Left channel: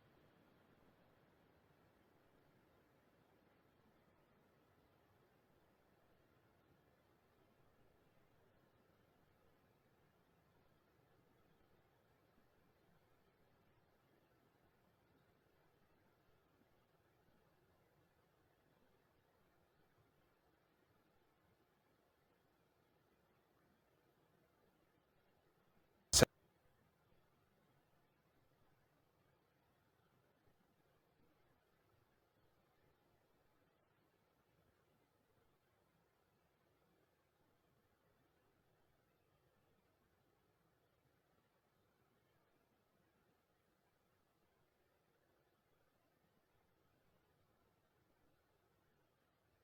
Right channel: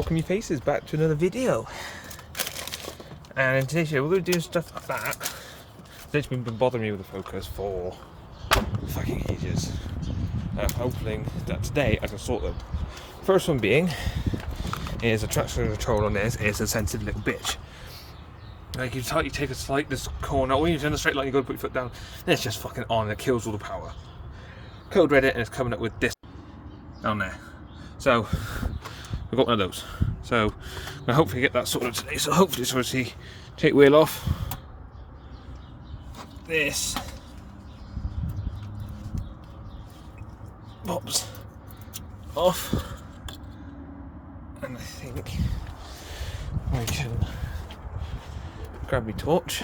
welcome you faces back to another video. And in today's video we're going to do stuff like that. It's been bothering me with the focus for fucking ages. I'm hoping that today I can sort them. First one being is a traction control on this is a sensitive little bitch. Like you take a slight this corner, when you're in a straight line you got to put your foot down, then it's just fucking on and it kills all the power. Code read it and it's coming up with this down there. So we've got one of those. So I hopefully get that sorted today. So hopefully it's obviously take wheel off. This pops off. And I think I can grab my torch.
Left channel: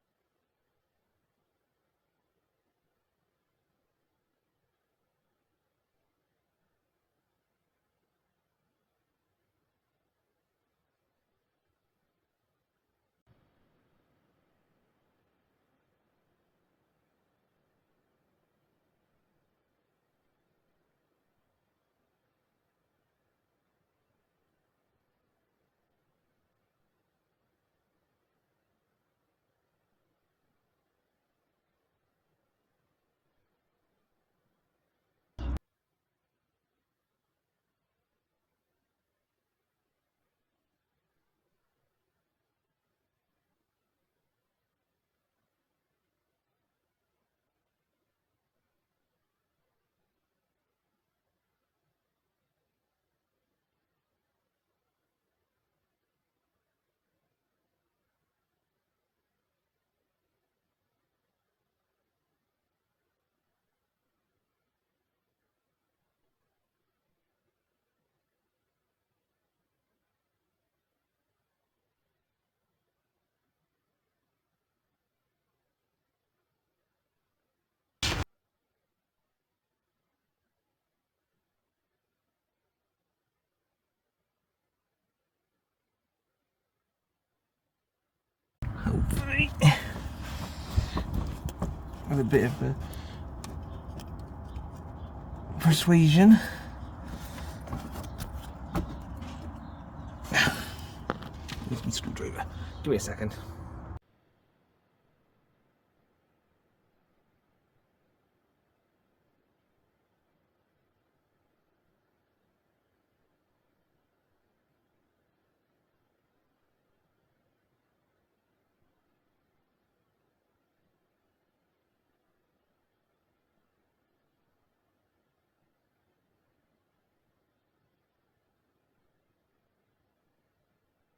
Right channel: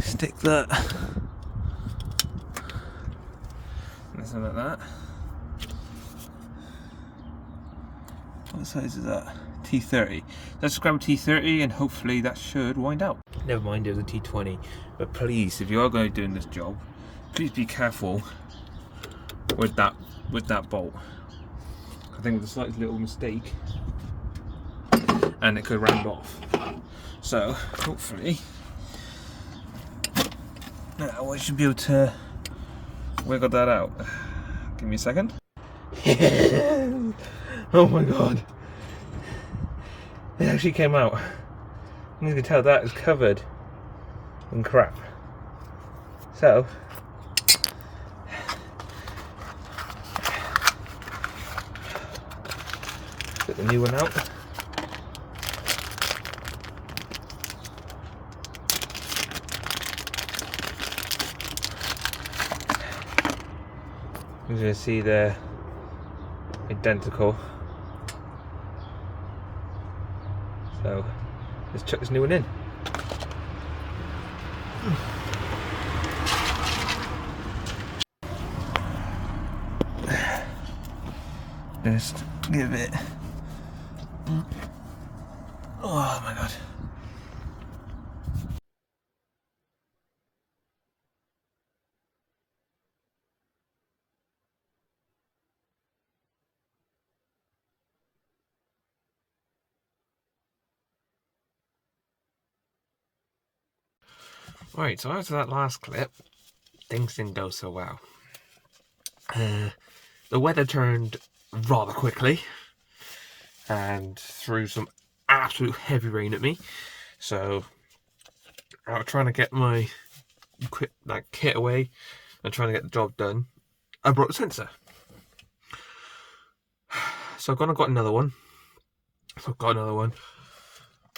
Stick that. Something like that. What size is that? T30. Let's grab a T30 and hopefully that should wind out. Never mind, it was a T20. But please, if you are going to be doing this job, please be careful with that bolt. I think it was a slight little mistake and it could round off. So hopefully now I should be able to wiggle that out. Give me a second. Oh my god. It actually came out. And you can tell that is covered in crap. So get the new one out. You're going to see they're identical. So let's chuck this new one in. Just give it. Oh my god. Hopefully with a bit of a persuasion. Use my screwdriver. Give me a second. Right, so after that last clip, things didn't go so well. The weather turned rather quickly and threw some absolute heavy rain at me. So I was trying to get my kit away and trying to get the job done. I brought the sensor. So I've gone and got another one.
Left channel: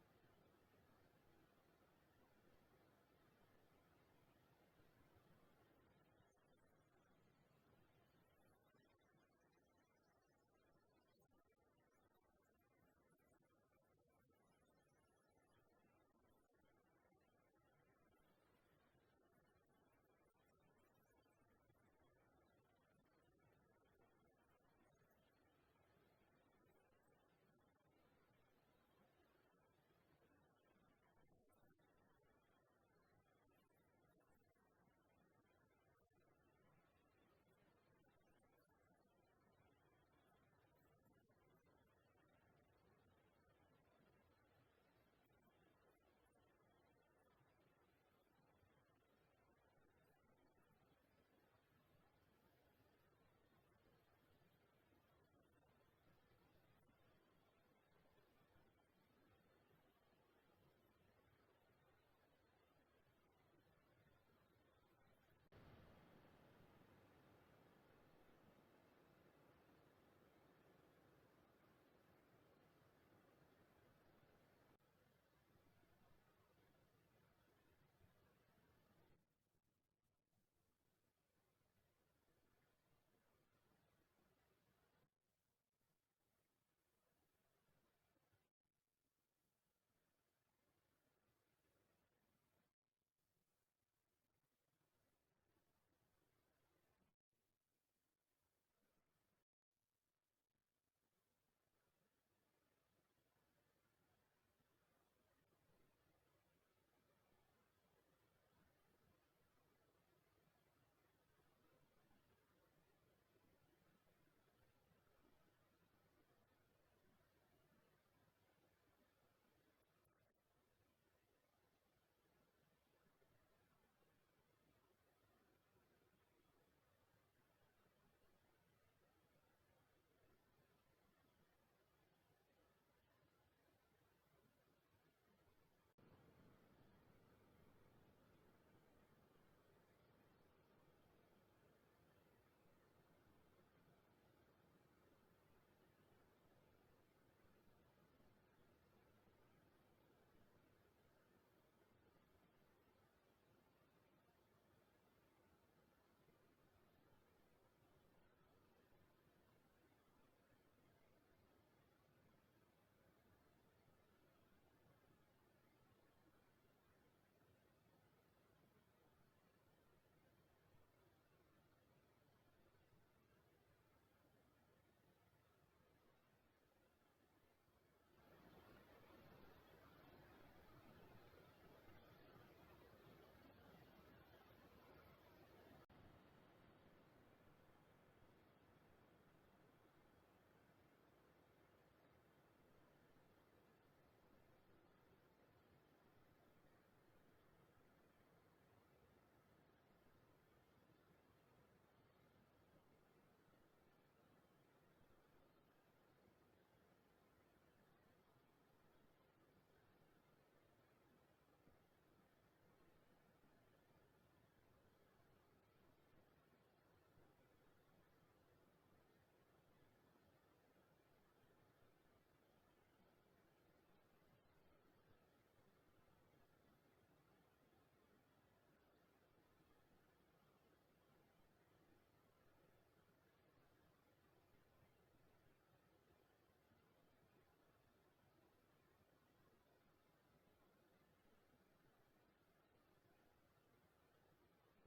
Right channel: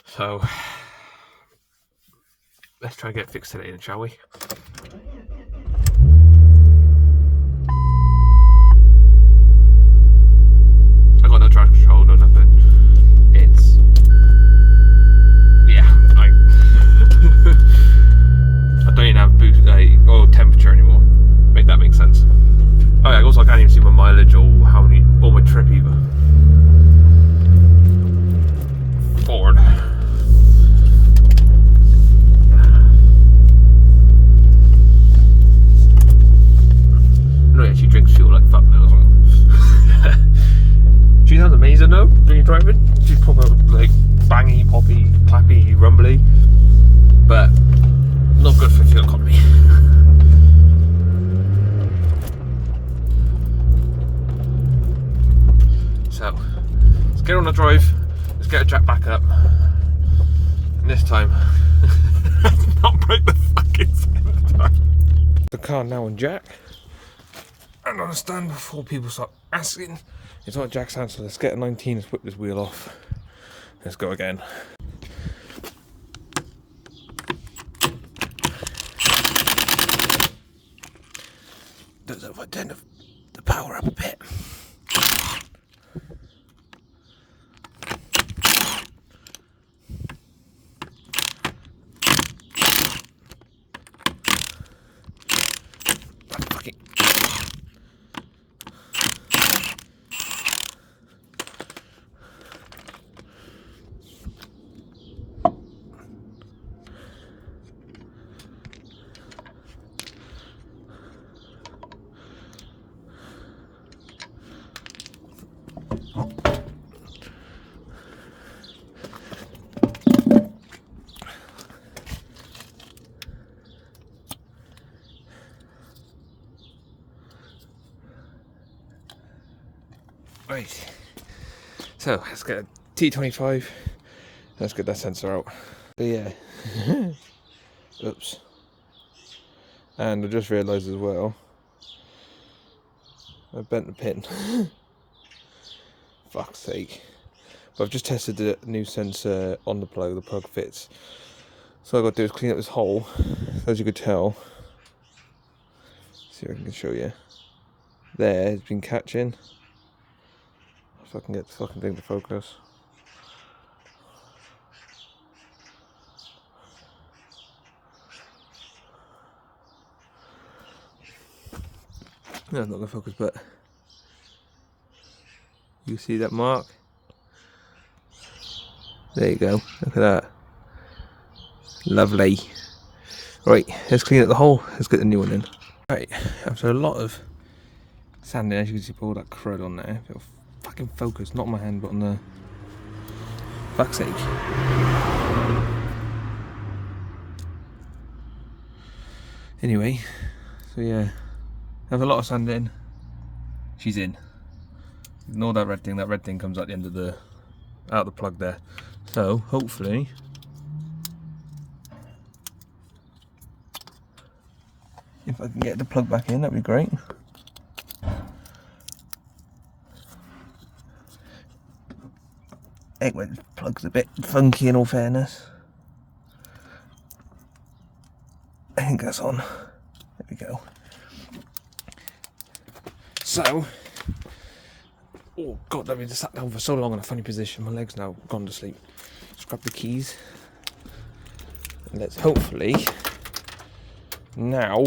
So let's try and get it fixed today then, shall we? I got no traction control, no nothing. It's I don't even have boost or temperature anymore. Make that make sense. Oh yeah, also I can't even see my mileage or how many or my trip either. Forward. No, it actually drinks fuel like fuck now as well. She sounds amazing though when you're driving. She's proper like bangy, poppy, clappy, rumbly, but not good for fuel economy. So let's get on the drive. Let's get a jack back up. And this time, not break the fucking sensor. The car now on jack. And on a stand before people start asking. It's not jack stand, so let's get a 19 and whip this wheel off. Let's go again. Does it turn the power up a bit? Right. So let's get a T25. Let's get that sensor out. But yeah. Oops. And I just realised as well, I bent the pin. Fuck's sake. But I've just tested the new sensor on the plug fits. So all I've got to do is clean up this hole, as you could tell. See if I can show you. There, it's been catching. If I can get the fucking thing to focus. No, it's not going to focus, but you see that mark? There you go, look at that. Lovely. Right, let's clean up the hole, let's get the new one in. Right, after a lot of sanding, as you can see, put all that crud on there. It'll fucking focus, not on my hand, but on the fuck's sake. Anyway, so yeah, have a lot of sanding. She's in. Ignore that red thing. That red thing comes out the end of the plug there. So hopefully, if I can get the plug back in, that'd be great. Anyway, the plug's a bit funky in all fairness. I think that's on. There we go. So, oh god, I've been sat down for so long in a funny position. My leg's now gone to sleep. Just grab the keys. And let's hopefully now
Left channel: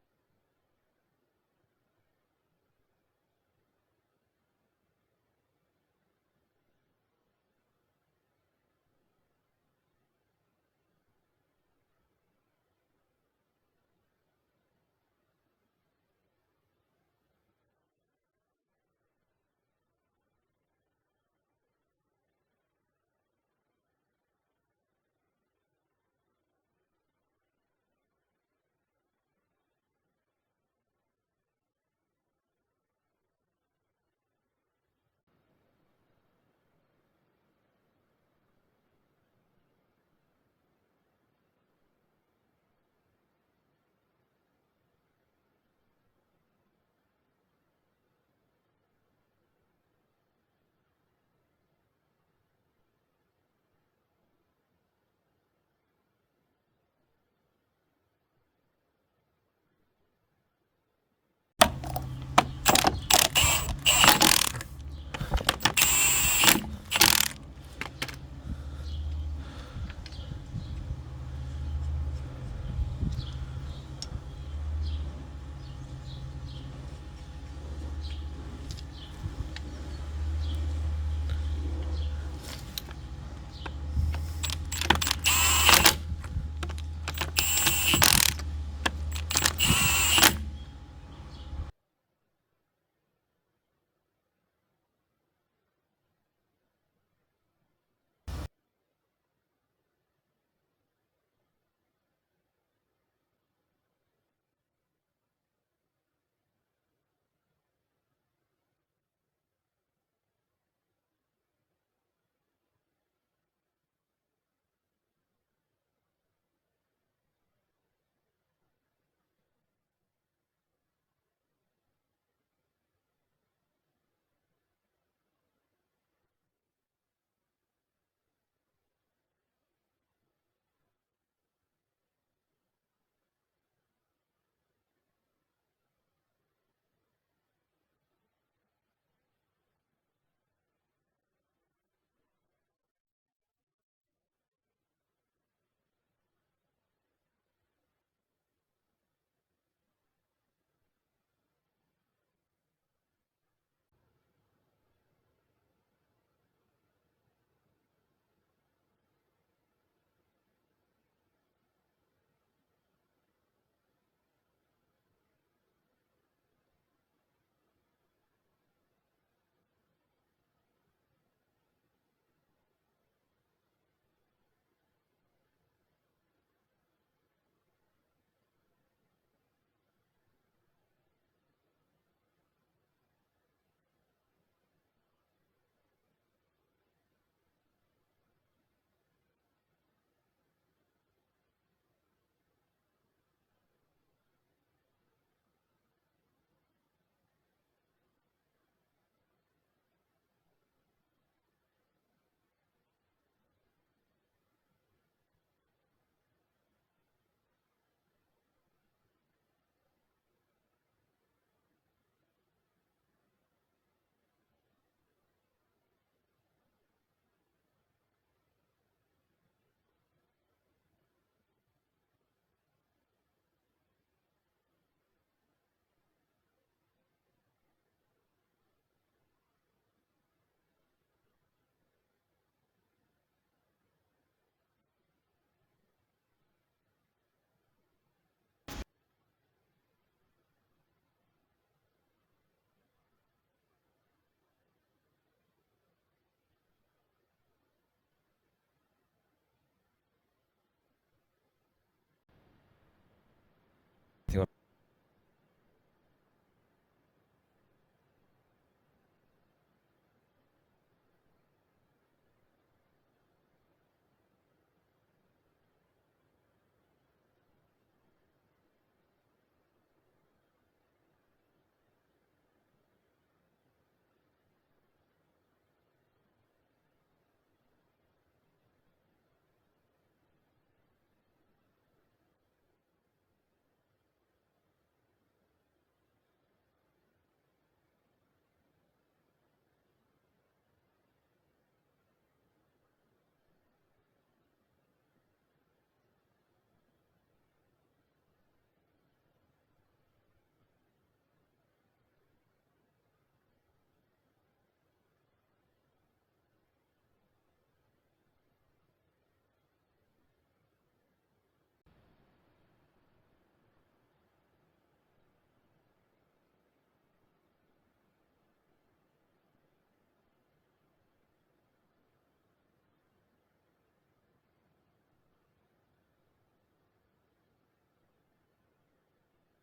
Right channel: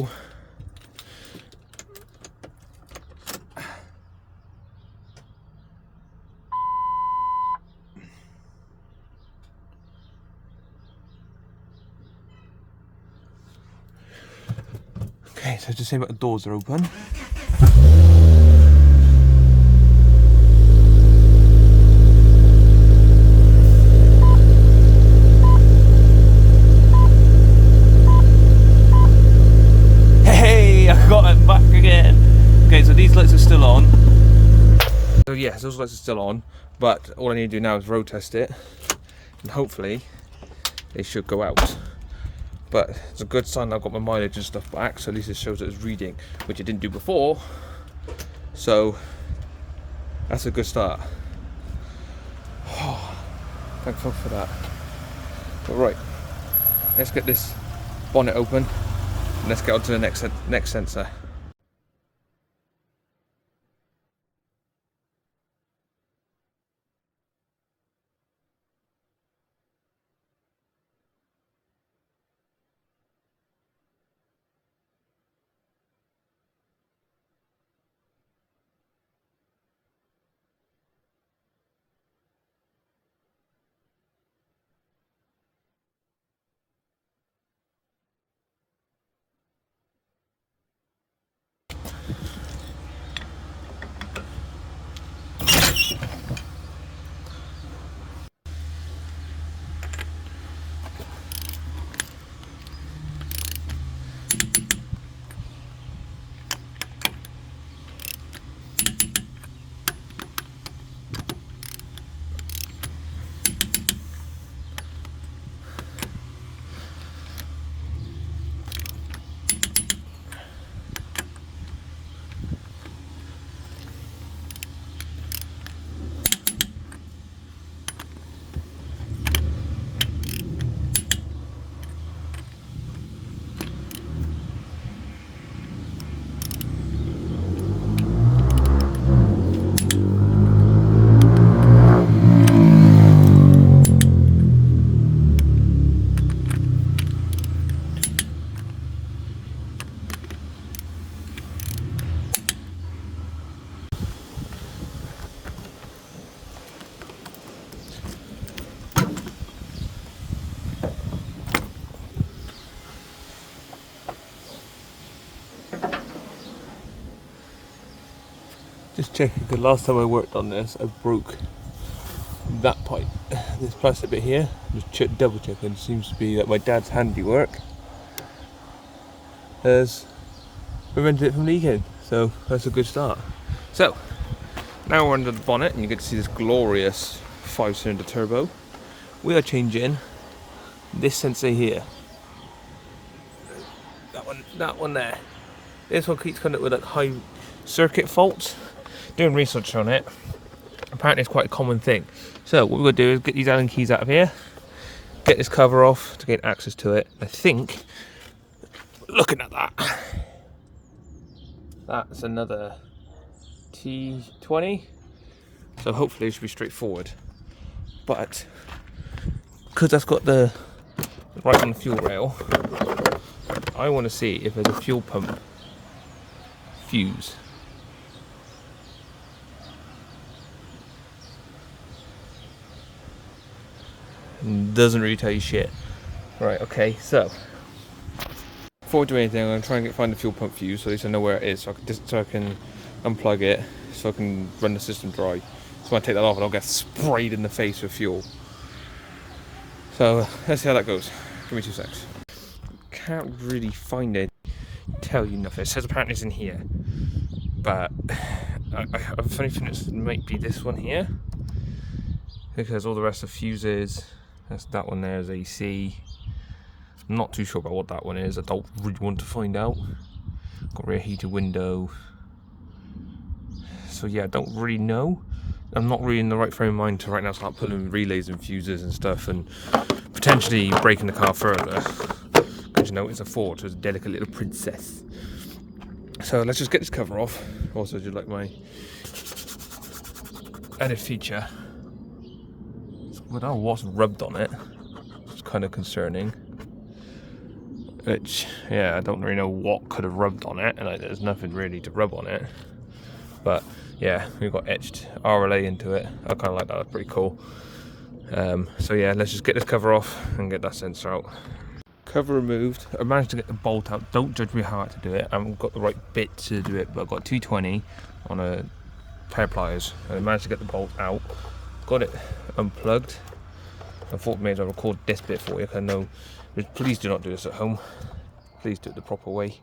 okay, so to say about the doors are open. Okay, so these lights are still on. So yes, those lights are still on, but all I need to do now is road test it, and hopefully they should go out. But it's a good sign I've got my mileage and stuff back, so at least it shows that it's reading, which it didn't do before. So that's a good start. Oh, thank fuck for that. But right, let's get this bonnet open, and let's get on to the next sensor. Just checking, because last time I worked on this, I broke that pipe, this plastic bit here. Just double checking. Seems to be that my dad's handiwork has prevented it from leaking, so that's a good start. So Now we're under the bonnet and you get to see this glorious 5-cylinder turbo. We are changing this sensor here. That one there. This one keeps coming up with like high circuit faults. Doing research on it. Apparently it's quite a common thing. So what we're going to do is get these Allen keys out of here, get this cover off to gain access to it. I think, looking at that, that's another T20. So hopefully it should be straightforward. But because that's got the right on the fuel rail, I want to see if there's a fuel pump fuse. Doesn't really tell you shit. Right, okay, so before we do anything, I'm going to try and find the fuel pump fuse so at least I know where it is, so I can unplug it, so I can run the system dry. So when I take that off, I don't get sprayed in the face with fuel. So let's see how that goes. Give me 2 secs. Can't really find anything. Tell you nothing. It says apparently it's in here, but I have a funny feeling it might be this one here, because all the rest of the fuses. That's that one there is AC. I'm not too sure about what that one is. I don't really want to find out. Got rear heated window. So yeah, I don't really know. I'm not really in the right frame of mind to right now start putting relays and fuses and stuff and potentially breaking the car further. Because you know it's a Ford, so it's a delicate little princess. So let's just get this cover off. Also, do you like my added feature? I don't know what's rubbed on it. It's kind of concerning. Which, yeah, I don't really know what could have rubbed on it, and there's nothing really to rub on it. But yeah, we've got etched RLA into it. I kind of like that. That's pretty cool. So yeah, let's just get this cover off and get that sensor out. Cover removed. I managed to get the bolt out. Don't judge me how I had to do it. I haven't got the right bit to do it, but I've got 220 on a pair of pliers, and I managed to get the bolt out. Got it unplugged. I thought maybe I'll record this bit for you, because I know. Please do not do this at home. Please do it the proper way.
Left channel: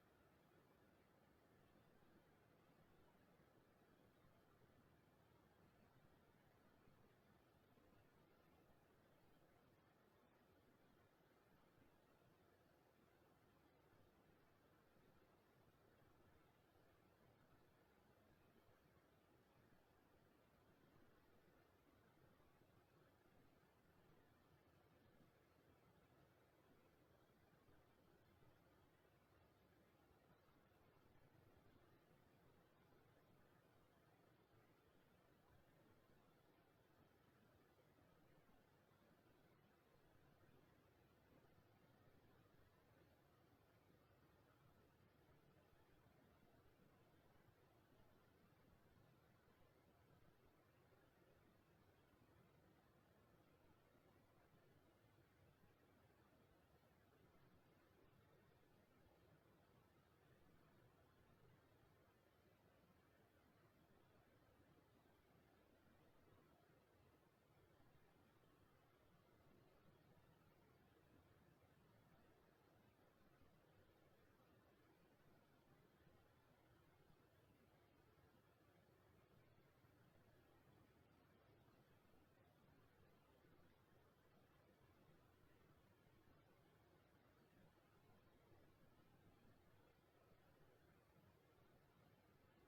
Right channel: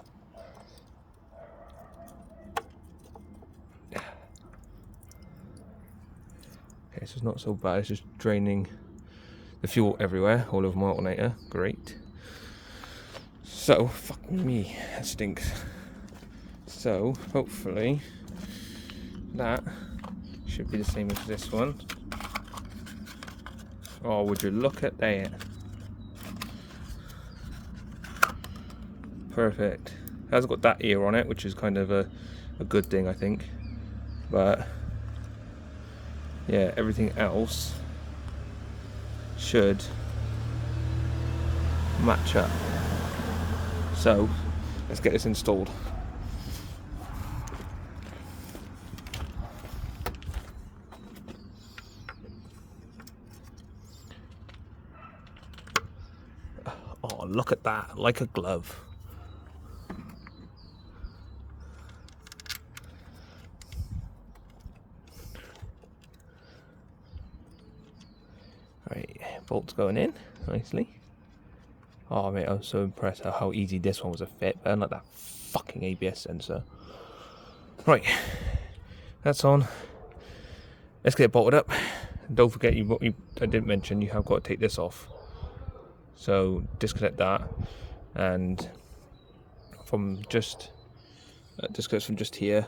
Okay, so it's not so bad. It's just draining the fuel everywhere, all over my alternator. Great. So, fuck me, that stinks. So, hopefully, that should be the same as this one. Oh, would you look at that? Perfect. It hasn't got that ear on it, which is kind of a good thing, I think. But yeah, everything else should match up. So let's get this installed. Oh, look at that, like a glove. Right, bolts going in nicely. Oh mate, I'm so impressed at how easy this one was to fit, but unlike that fucking ABS sensor. Right, that's on. Let's get it bolted up. Don't forget I didn't mention, you have got to take this off. So disconnect that, and from just disconnect from just here.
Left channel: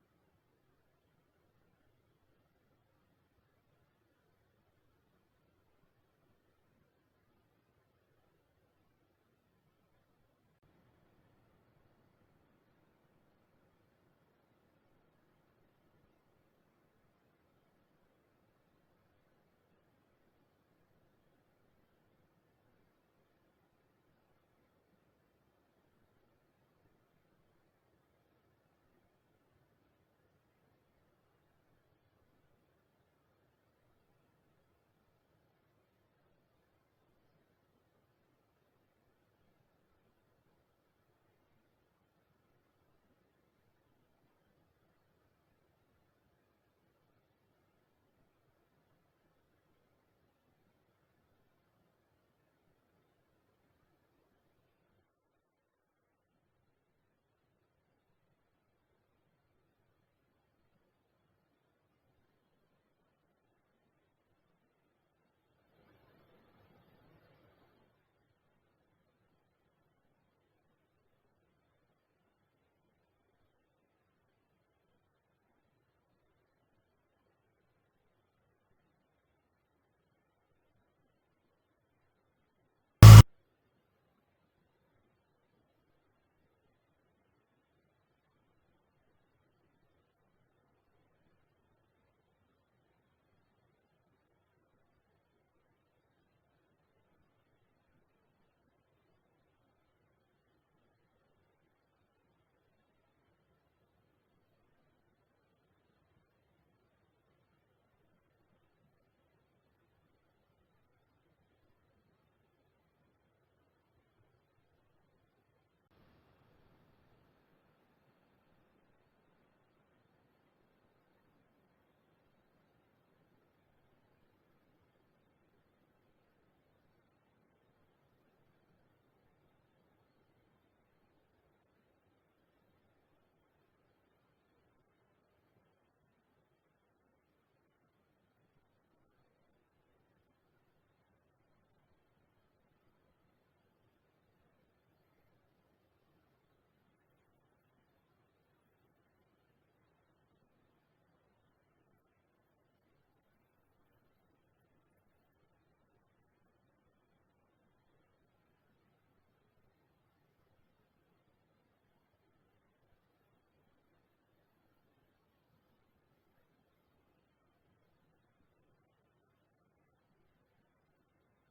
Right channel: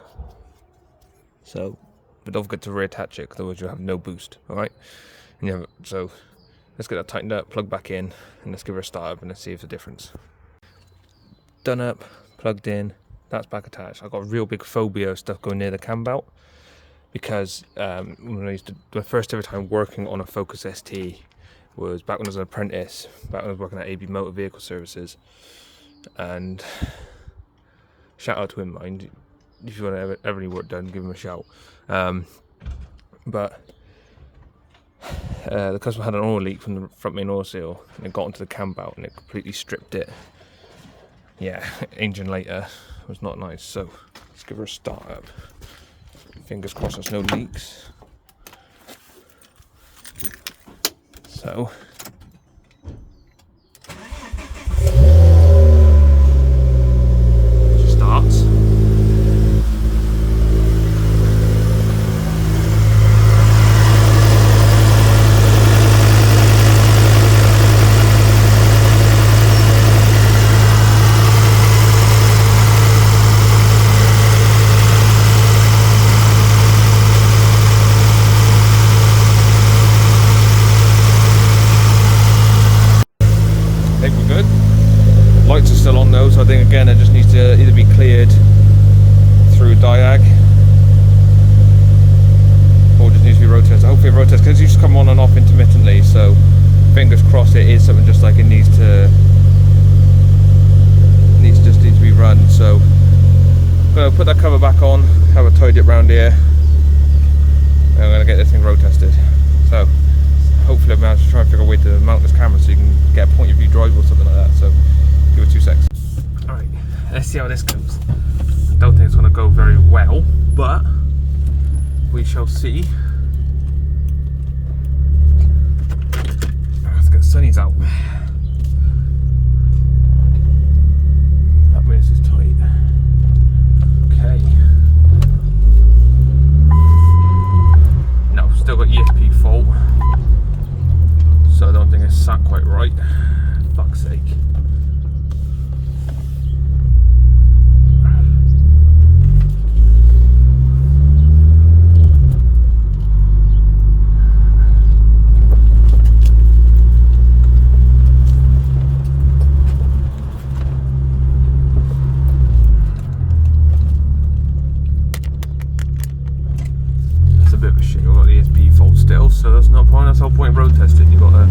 So, but don't forget to reattach it, otherwise you'll have no boost. All right, and so let's get that tightened up, plug back in, and let's give her a start up and let's see if there's a difference. Done up, plugged in. That's back attached. I've got a real big phobia of stuff going near the cam belt, because when I used to, the first ever time working on a Focus ST was back when I was an apprentice, back when I was working at AB Motor Vehicle Services. And shout out to him, mind, if you want to ever any work done, give him a shout. But the customer had an oil leak from the front main oil seal, and it got onto the cam belt and it completely stripped it. Yeah, engine later was not nice. So let's give her a start up. Fingers crossed there's no leaks. So she starts. So I think again it just needs to either be cleared through diag or just needs to be road tested. Hopefully road tested, because you just come on and off intermittently, so fingers crossed it is something just like it needs to be run. So I'm going to put that cover back on, have a tidy it round here, and I'm going to get this thing road tested. So hopefully I'll manage to try and figure a way to mount this camera so you can get a point of view drive or something like that. So give it 2 seconds. Alright, let's see how this goes. I don't think it's going to go very well, but we shall see. Let's get sunnies out. That means it's tight. Okay. No, still got ESP fault. So I don't think it's sat quite right. Fuck's sake. It's a bit of a shit. You've got the ESP fault still, so that's no point. That's the whole point of road testing. You've got to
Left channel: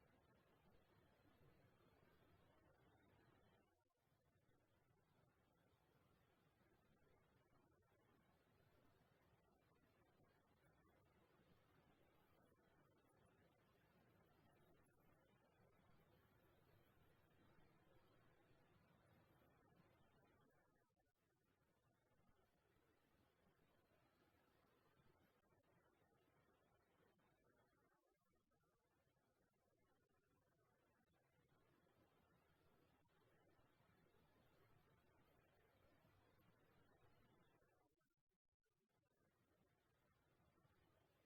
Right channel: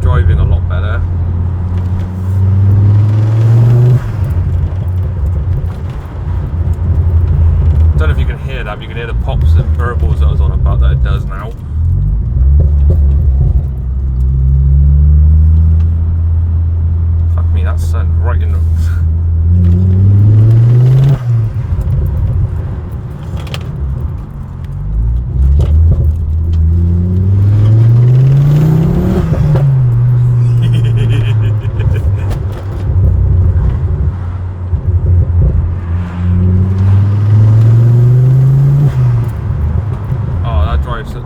driving a lot better. Don't know if you can hear that, but you can hear the pops and burbles that I was on about that it does now. Fuck me, that's sun right in the...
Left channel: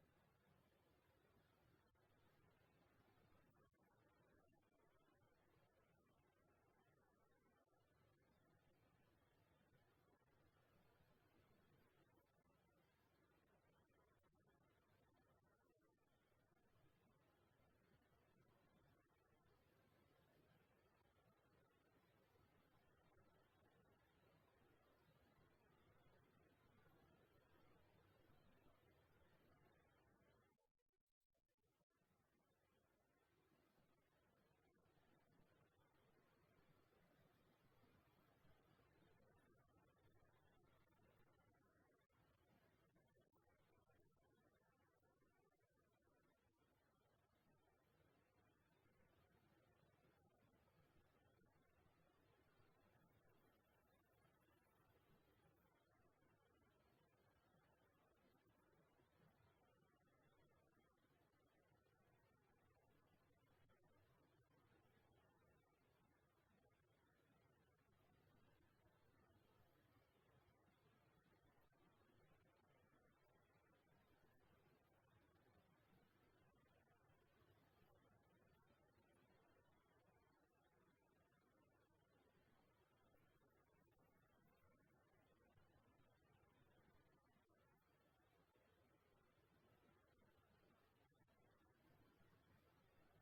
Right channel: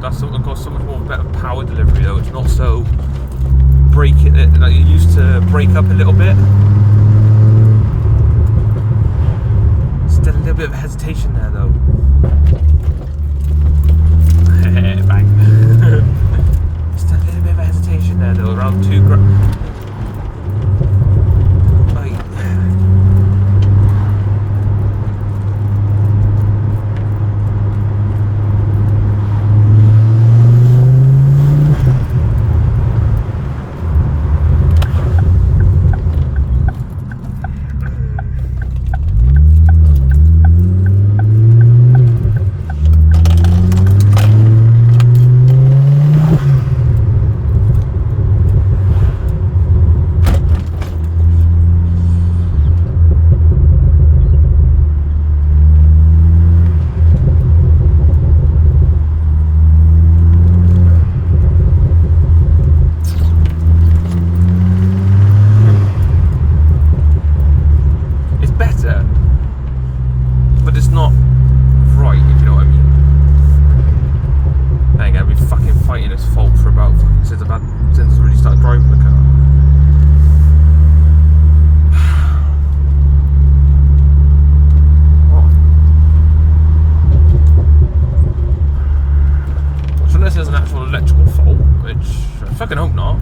That's something got so much more better power delivery though. It's not so like you used to break up a little bit. Still a little bit of hesitation there though. Bang. Still a little bit of hesitation there though. Around 2 grand. But it's not right, if you know what I mean. There you go, I've been fucking fighting this fault for about since I really started driving the car. Which unless there's an actual electrical fault, which I fucking hope not.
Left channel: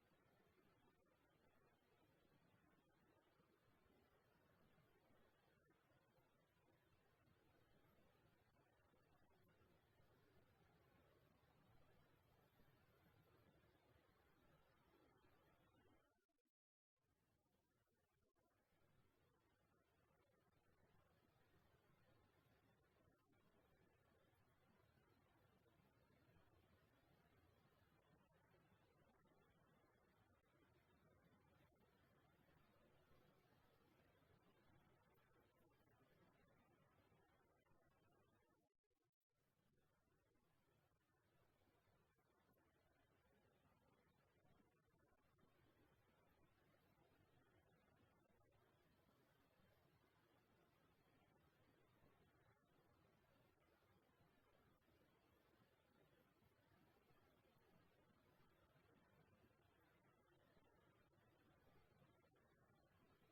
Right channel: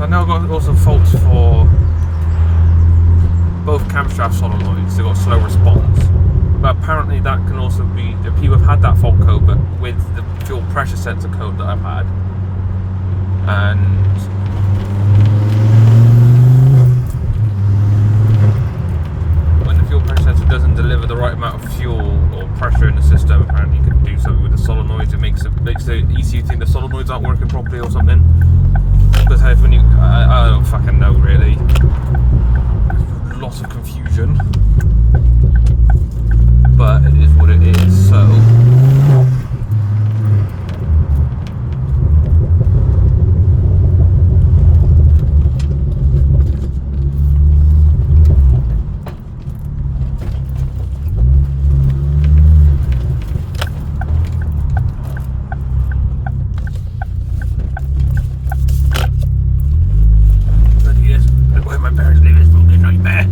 I know I've got also faults for both camshaft solenoids. They've got slow response, but apparently that can also be, people have had that fault code, but with the fuel pressure sensor code that I've had, and when the fuel pressure sensor doesn't deliver the right amount of fuel or pressure in the system. Apparently you can do something with the solenoids. It makes the ECU think the solenoids aren't working properly or something. Because when you, I don't fucking know really. Lots of confusion. But it is what it is, so. Where my parents live is a fucking nightmare.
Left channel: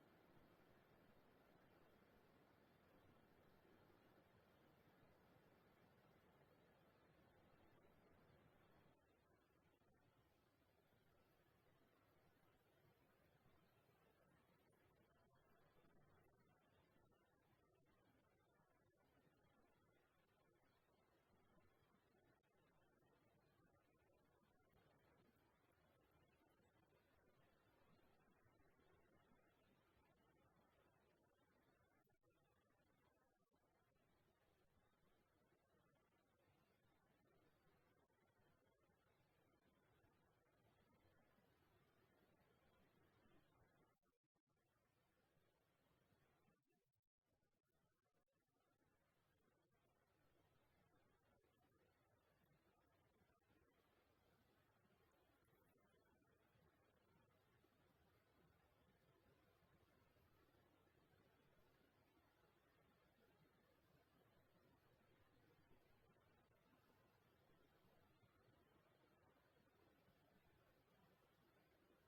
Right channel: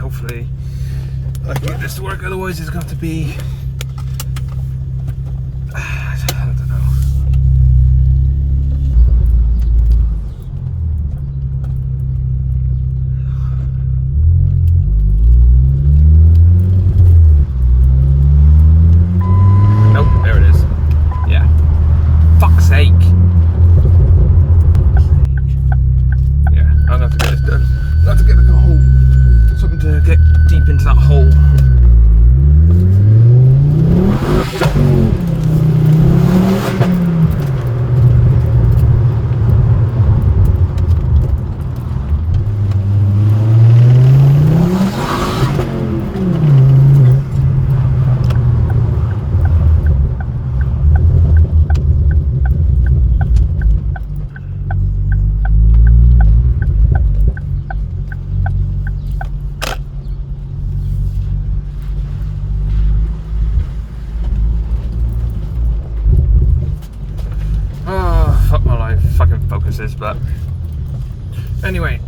Hopefully I can get this to work, otherwise it's got to be, I don't know. Nope, there it is. Yeah. Fuck's sake. Yeah, I'm gonna have to get this done. I'll have to get like a hole, something to get deep into that hole. Fuck my life, fucking focuses, but anyway,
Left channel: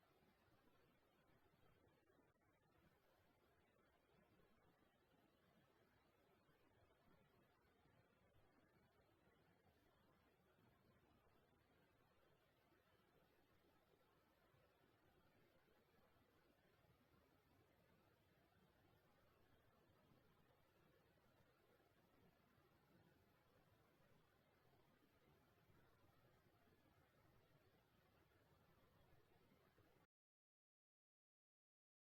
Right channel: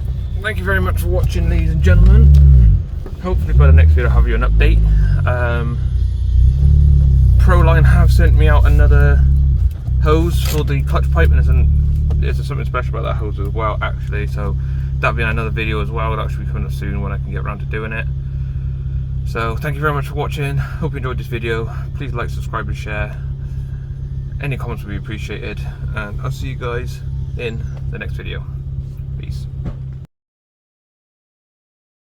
thank you very much for watching, ladies and gentlemen. Hopefully by the next video I'll have you an update. Proline have sent me out another hose for the clutch pipe, and there's something special about that hose as well actually, so that'll be another video as well. That'll actually be coming up soon when I can get around to doing it. So thank you very much for watching, hope you enjoyed this video. Please like, subscribe and share. Any comments would be appreciated, and I'll see you guys in the next video. Peace.